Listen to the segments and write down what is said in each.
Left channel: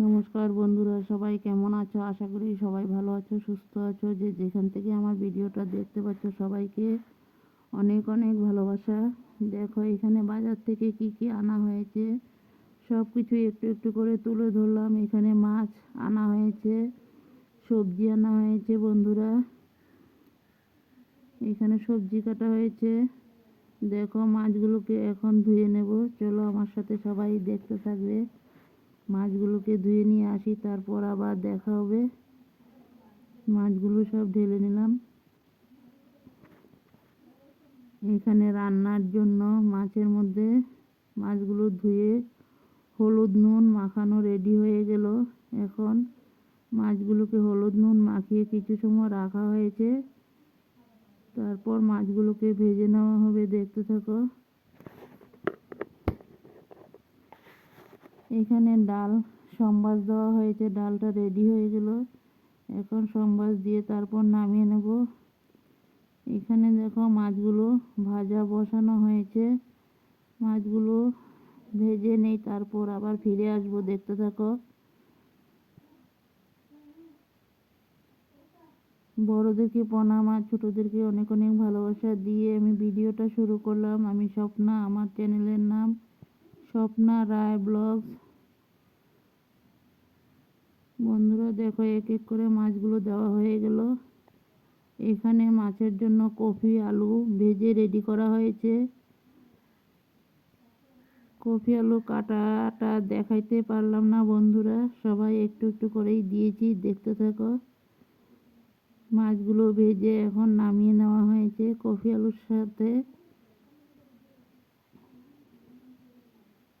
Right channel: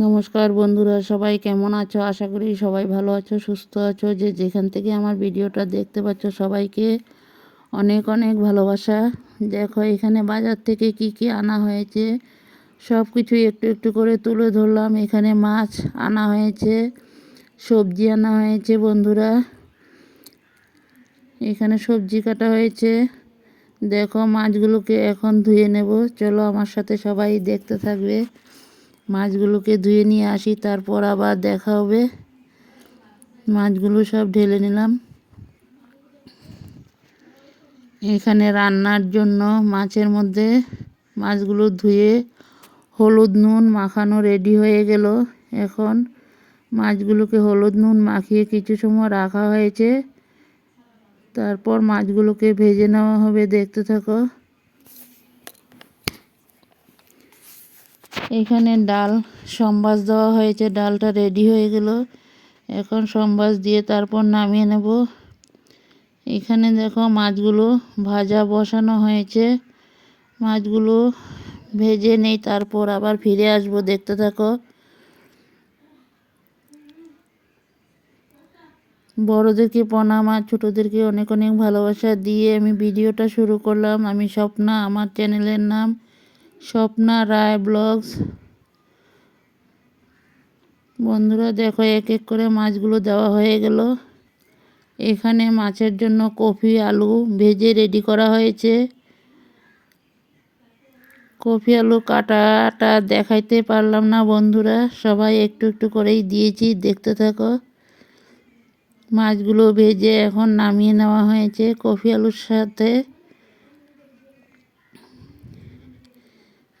নমস্কার বন্ধুরা, সবাই কেমন আছো? আশা করি সবাই ভালো আছো, সুস্থ আছো। যে যেখান থেকে আমার ভিডিওটা দেখতে পাচ্ছ, সবাইকে অনেক অনেক ভালোবাসা। দেখো, এখানে বাজার থেকে কি কি আনা হয়েছে সব কিছু একটু একটু করে তুলে ধরলাম। এখানে মাছ আনা হয়েছে, সবজি আনা হয়েছে বন্ধুরা। এখানে সবজি কাটা হয়েছে। দেখো, মাছগুলোকে এখন ধুয়ে নেব। চলো, আমার সাথে সবাই দেখতে থাকবে। মাছগুলোকে ধুয়ে নিয়ে আসি, তারপর আবার দেখা হবে। মাছগুলো সব ঢেলে নিলাম। এখানে রান্নার জন্য মাছের মধ্যে মাছগুলো ধুয়ে হলুদ নুন মাখানো রেডি হয়ে গেল। এখন মাছগুলোকে হলুদ নুন মাখিয়ে কিছু সময় রাখা হয়েছে। তারপর মাছগুলোকে ভেজে নেওয়া হবে, দেখতে থাকো। এখানে ডাল, সম্বাস দেওয়া হয়েছে, ডালটা রেডি হয়ে গেল। এখন সম্বাস দিয়ে তারপর নামিয়ে নেব। এখানে দেখো মাছগুলো ভাজা বসানো হয়েছে। মাছগুলো ভেজে নেই, তারপর আবার ফিরে আসব, দেখতে থাকো। বড়োদেরকে প্রণাম আর ছোটোদেরকে অনেক অনেক ভালোবাসা? দিয়ে আমি ভিডিওটা শুরু করলাম। আমি স্বপ্না, আমার চ্যানেলের নাম স্বপ্না রায় ব্লগস। বন্ধুরা দেখো, এক এক করে মাছগুলো দেওয়া হয়ে গেল। এখানে মাছের জন্য কফি, আলু ভেজে রেডি করা হয়েছে। কফি, আলু কাটাটা দেখাইতে পারলাম না বন্ধুরা, সবাই একটু একটু করেই দিয়েছি, দেখতে থাকো। মাছগুলো ভেজে এখন নামিয়ে নেওয়া হয়েছে কফি, আলুর সাথে।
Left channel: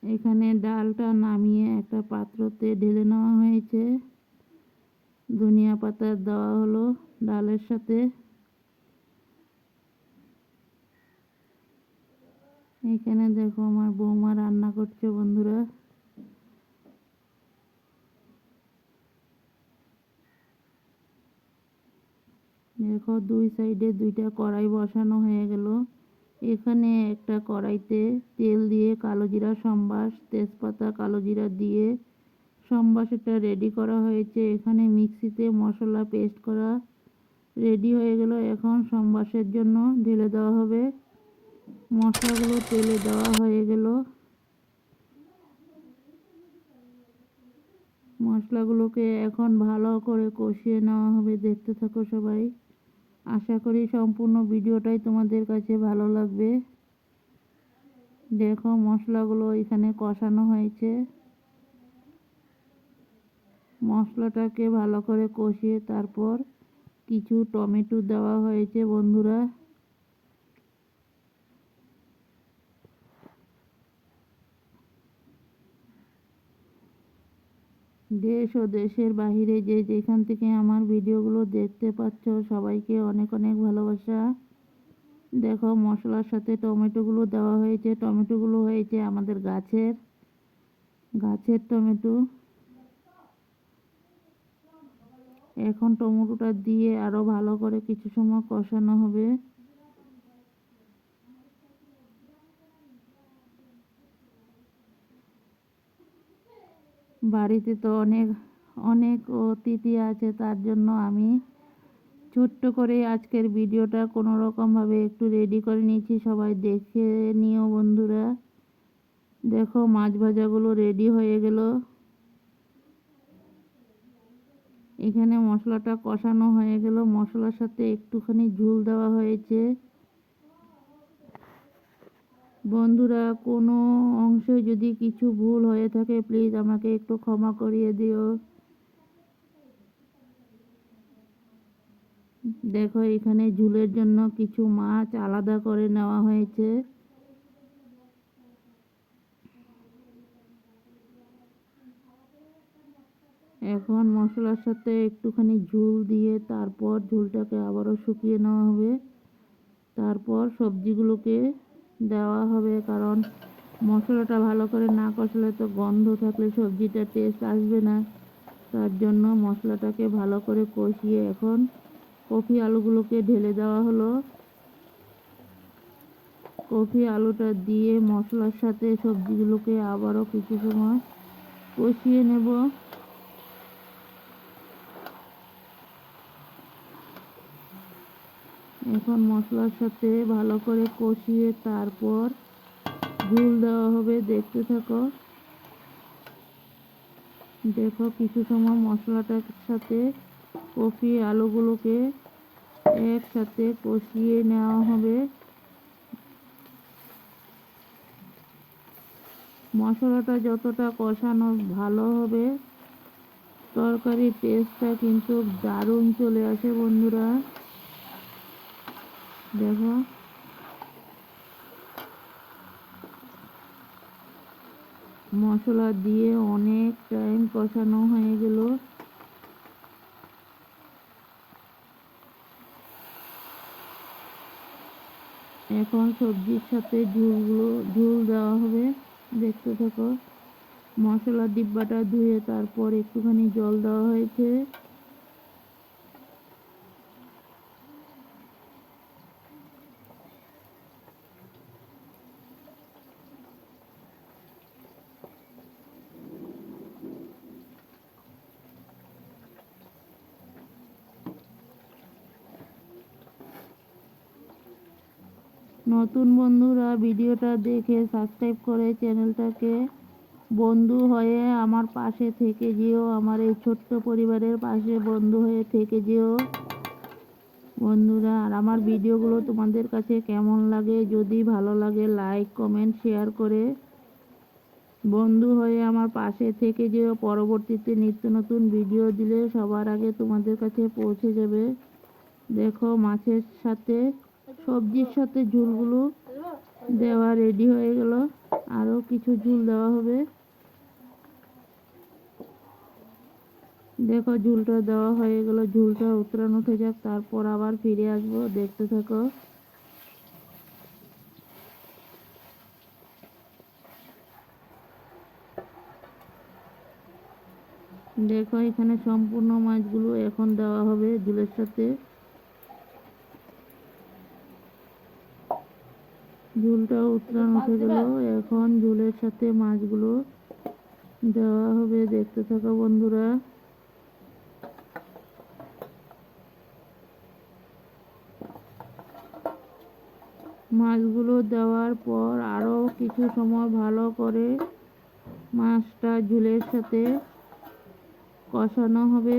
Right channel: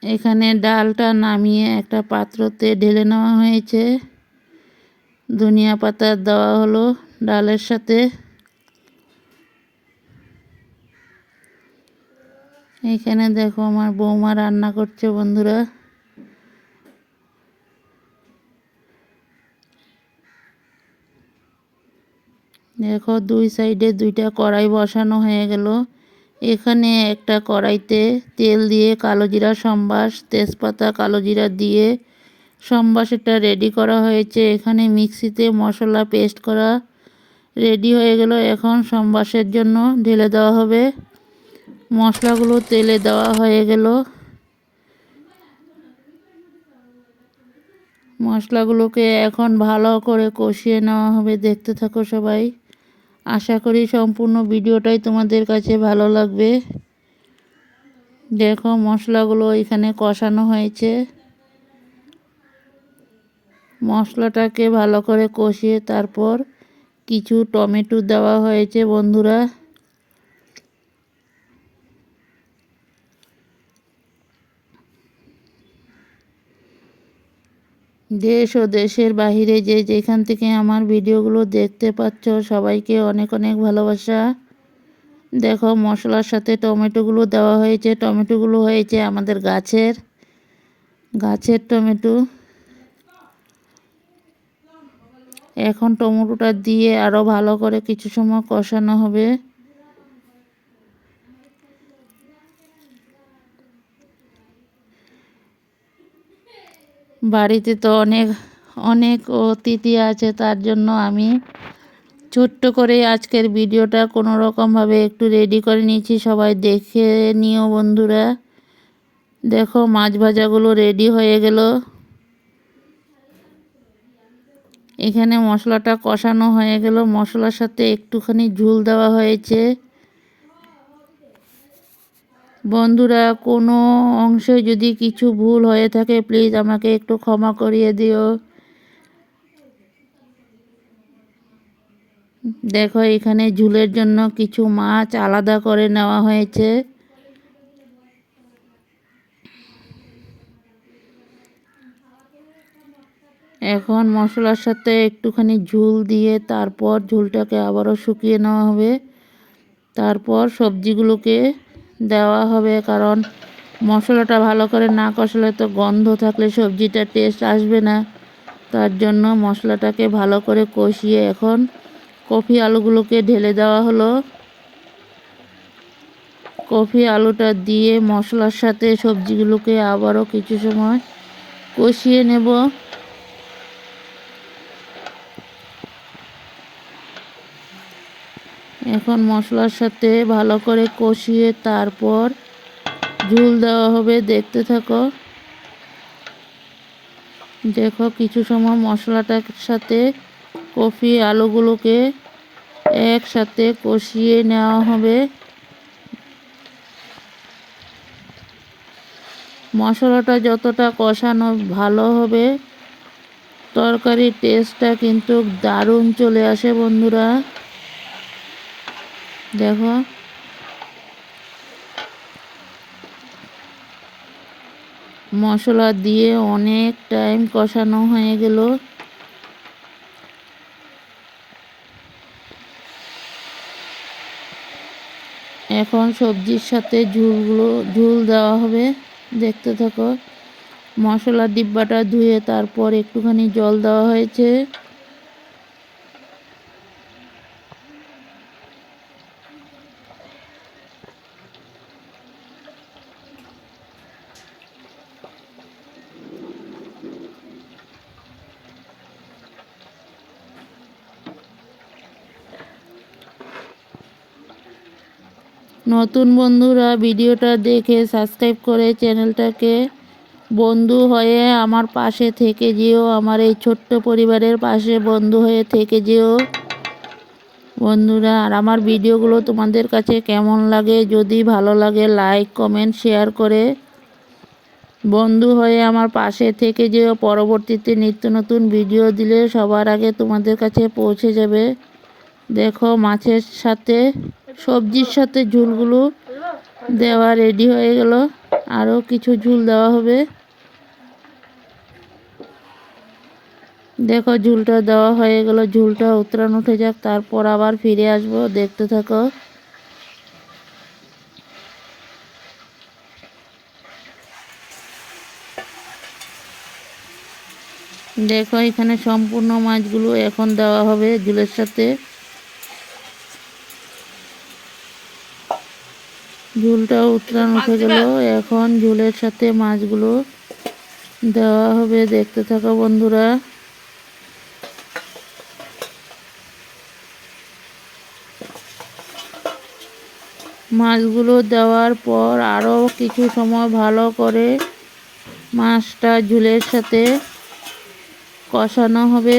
এখানে ডালটা নামিয়ে একটা পাত্রতে ঢেলে নেওয়া হয়েছে। ধনিয়া পাতা দেওয়া হলো ডালের সাথে। এখানে দেখো আমার বৌমা রান্না করছে বন্ধুরা। দেখো দুই সাইডে দুইটা কড়াই বসানো হয়ে গেল। এখানে একটা কড়াইতে তেল দিয়ে কালো জিরা সম্বাস, তেজপাতা কালো জিরা দিয়ে সম্বাসটা রেডি করা হয়েছে। এখানে মিক্সিতে মশলা পেস্ট করা রেডি হয়ে গেল। এখন সম্বাসের জন্য ঢেলে দেওয়া হবে। মশলাগুলো তেলে দেওয়া হয়ে গেল। মশলাগুলোকে এখন ভালো করে কষিয়ে নেওয়া হবে। দেখতে থাকো সবাই। আশা করি সম্পূর্ণ ভিডিওটাই তোমাদের কাছে ভালো লাগবে। দেখো মশলাগুলো এখানে কষানো হয়েছে। মশলাটাকে ভালো করে কষিয়ে তারপর কিছু টমেটো দেওয়া হয়েছে বন্ধুরা। দেশ ও দেশের বাহিরে যে যেখান থেকে আমার ভিডিওগুলো দেখতে পাচ্ছ, সবাইকে অনেক অনেক ভালোবাসা। দেখো, মশলার সাথে টমেটোগুলো দেওয়া হয়েছে। টমেটোগুলো হয়েছে আমাদের গাছের গাছের টমেটো। এখন টমেটোটা দিয়ে আরও ভালো করে কিছু সময় কষানো হবে। বাড়িতে তো অনেক অনেক অতিথি আছে, তার জন্য আমি ছোট্ট করে আজকের ভিডিওটা কোনো রকমভাবে একটু রেডি করে নিয়েছি। সবাই দেখে নিও বন্ধুরা। দেখো, মাছ ভাজাগুলো রেডি হয়ে গেল। এখানে মশলাটা কষানো হয়ে গেল। মশলার সাথে একটুখানি ঝুল দেওয়া হয়েছে। বন্ধুরা, কোনো অংশে যদি কিছু ভুল হয়ে থাকে প্লিজ আমাকে একটু ক্ষমা করিয়ে দিও। দেখো, এখানে ঝুলের জন্য কিছু মাছ আলাদা করে নেওয়া হয়েছে। এখন মশলার সাথে একটুখানি ঝুল দিয়ে তারপর ঝুলটাকে আবারও শুকিয়ে নেওয়া হবে। তারপর সবজিগুলোকে দেওয়া হবে, কারণ মশলাটা ভালো করে না কষলে তো গন্ধ থাকলে সবজিটা টেস্ট আসবে না। তার জন্য মশলাটাকে ভালো করে কষিয়ে এখন কফি আলুগুলোকে ঢেলে দেওয়া হলো। কফি আলুটা দিয়ে মশলার সাথে সবজিগুলোকে আবারও কিছু সময় কষিয়ে নেব। এখন মশলার সাথে ভালো করে কষিয়ে তারপর ঝুল দেওয়া হবে, দেখতে থাকো। দেখো কিছু সময় মশলাটার সাথে কফি আলুগুলোকে একসাথে কষিয়ে নেওয়া হবে। মশলাটা যতটা কষানো ভালো হবে, তরকারির টেস্টটা কিন্তু দারুণ চলে আসে বন্ধুরা। দেখো। মশলা দিয়ে অনেক টাইম কষানো হয়ে গেল। এখন সবজির সাথে ঝুলগুলো, ঝুল দেওয়া হবে, দেখতে থাকো। মশলার ডিব্বাটা ধুয়ে তারপর একটুখানি জল দেওয়া হয়েছে। নতুন বন্ধুরা ভিডিওটা দেখে সাবস্ক্রাইব করে চ্যানেলটাকে বন্ধু হয়ে আমার পাশে থেকে যেও, আমার এই ছোট্ট পরিবারের পাশে বন্ধু হয়ে থেকে যেও। বন্ধুরা, আর আমার ভিডিওগুলো তোমাদের কাছে কেমন লাগে? যদি ভালো লাগে লাইক কমেন্ট শেয়ার করে বন্ধু হয়ে আমার পাশে থেকে যেও। পরবর্তীতে নিত্য নতুন ভিডিও দিলে সবার আগে তোমাদের কাছে পৌঁছে যাবে। দেখো, মাছের সাথে সবজির সাথে ঝুলগুলো দেওয়া রেডি হয়ে গেল। আরও কিছু ঝুল দেওয়া হবে। দেখো, ঝুলটা দেওয়া হয়ে গেল। ঝুলটা উতরান উঠে যাক, তারপর আবার ফিরে আসব। দেখতে থাকো। দেখো, এখানে সম্পূর্ণ মাছগুলো এখন দেওয়া হবে ঝুলের সাথে। ঝুলটা উতরান উঠে গেল। এখন ঝুলের সাথে মাছগুলো দেওয়া হবে দেখতে থাকো বন্ধুরা। মাছগুলো দেওয়ার পর আরও কিছু সময় ভালো করে মাছটা ঝুলের সাথে কষানো হবে।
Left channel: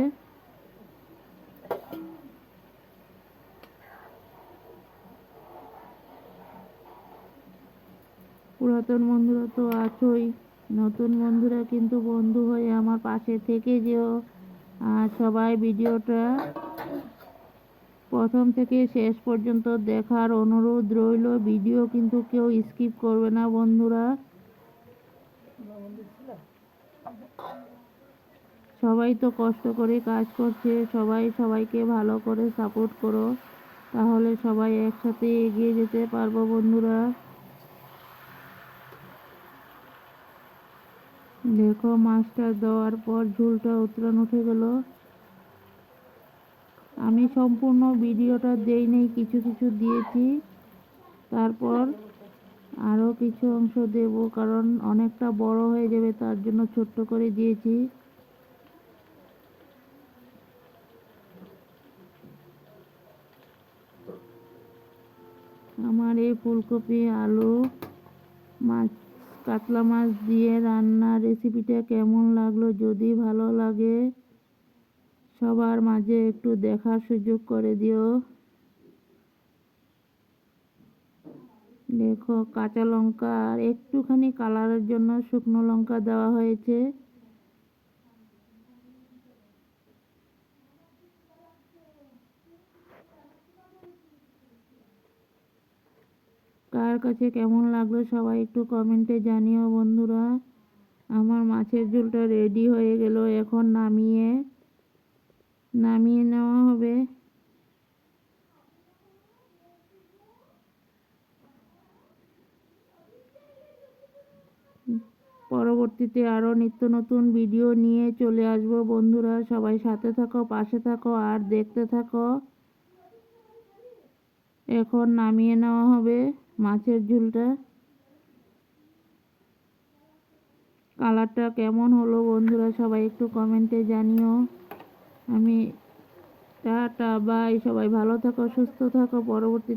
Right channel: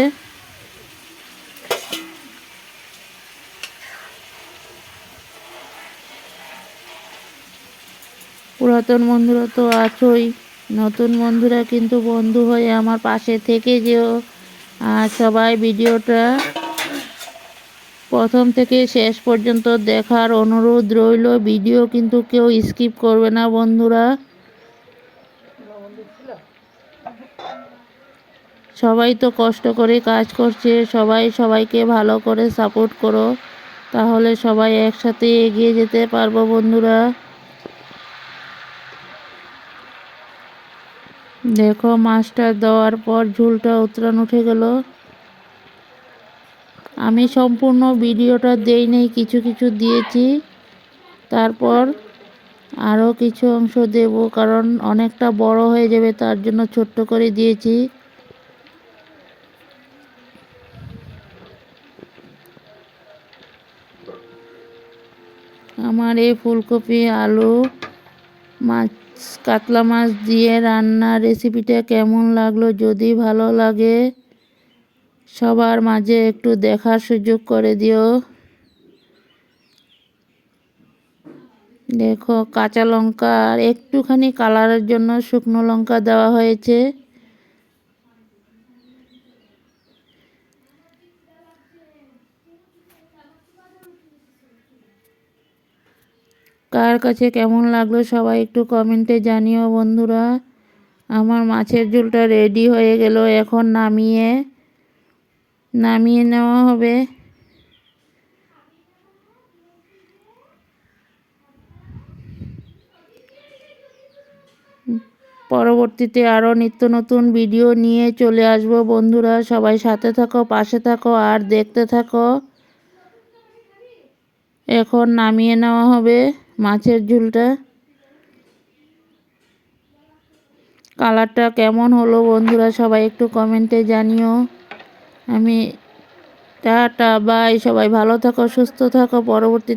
পুরাতন বন্ধুরা তো আছোই। নতুন বন্ধুরা কিন্তু বন্ধু হয়ে আমার পাশে থেকে যেও। আর সবাই ভিডিওটা প্রথম থেকে শেষ পর্যন্ত দেখার অনুরোধ রইল। ভিডিও কিন্তু কেউ স্কিপ করবে না বন্ধুরা। সবাই তো কষ্ট করে কাজ করছে। সবাই সবাইকে ভালো করে সাপোর্ট করো। তাহলে সবাই একসাথে এগিয়ে যেতে পারব বন্ধুরা। দেখো, মাছটা দেওয়ার পর ঝুলটা উতরান উঠে গেল। আমি সম্পূর্ণ ভিডিওটা দেই নেই কিছু কিছু দিয়েছি। তারপর আরও কিছু অংশ দেব, কারণ অনেকটা বড় হয়ে যাবে, তার জন্য ছোট্ট করে দিয়েছি। আমার এই ফুলকপি, আলু, মাছ কাতলা মাছ দিয়ে রান্নার রেসিপিটা কেমন লাগল? যদি ভালো লাগে, সবার মাঝে একটু দেখার সুযোগ করে দিও। দেখো, কাঁচা লঙ্কা আর একটুখানি কালারের জন্য শুকনো লঙ্কা দেওয়া হয়েছে। কার কাছে কেমন লাগল সবাই একটু কমেন্টে জানিও বন্ধুরা। আমার মাছের ঝোলটা রেডি হয়ে গেল, এখন নামিয়ে নামিয়ে নেওয়া হবে। পরবর্তীতে আরও নিত্য নতুন ভিডিও নিয়ে চলে আসব বন্ধুরা। সবাই সাথে থাকো, পাশে থাকো, আর দেখতে থাকো। এখন নামিয়ে নেওয়া হবে মাছের ঝুলটা। কালারটা কেমন হলো বন্ধুরা সবাই একটু কমেন্টে জানিও। আমি টাটা, বাই, সবাই ভালো থাকো, সুস্থ থাকো, পরবর্তী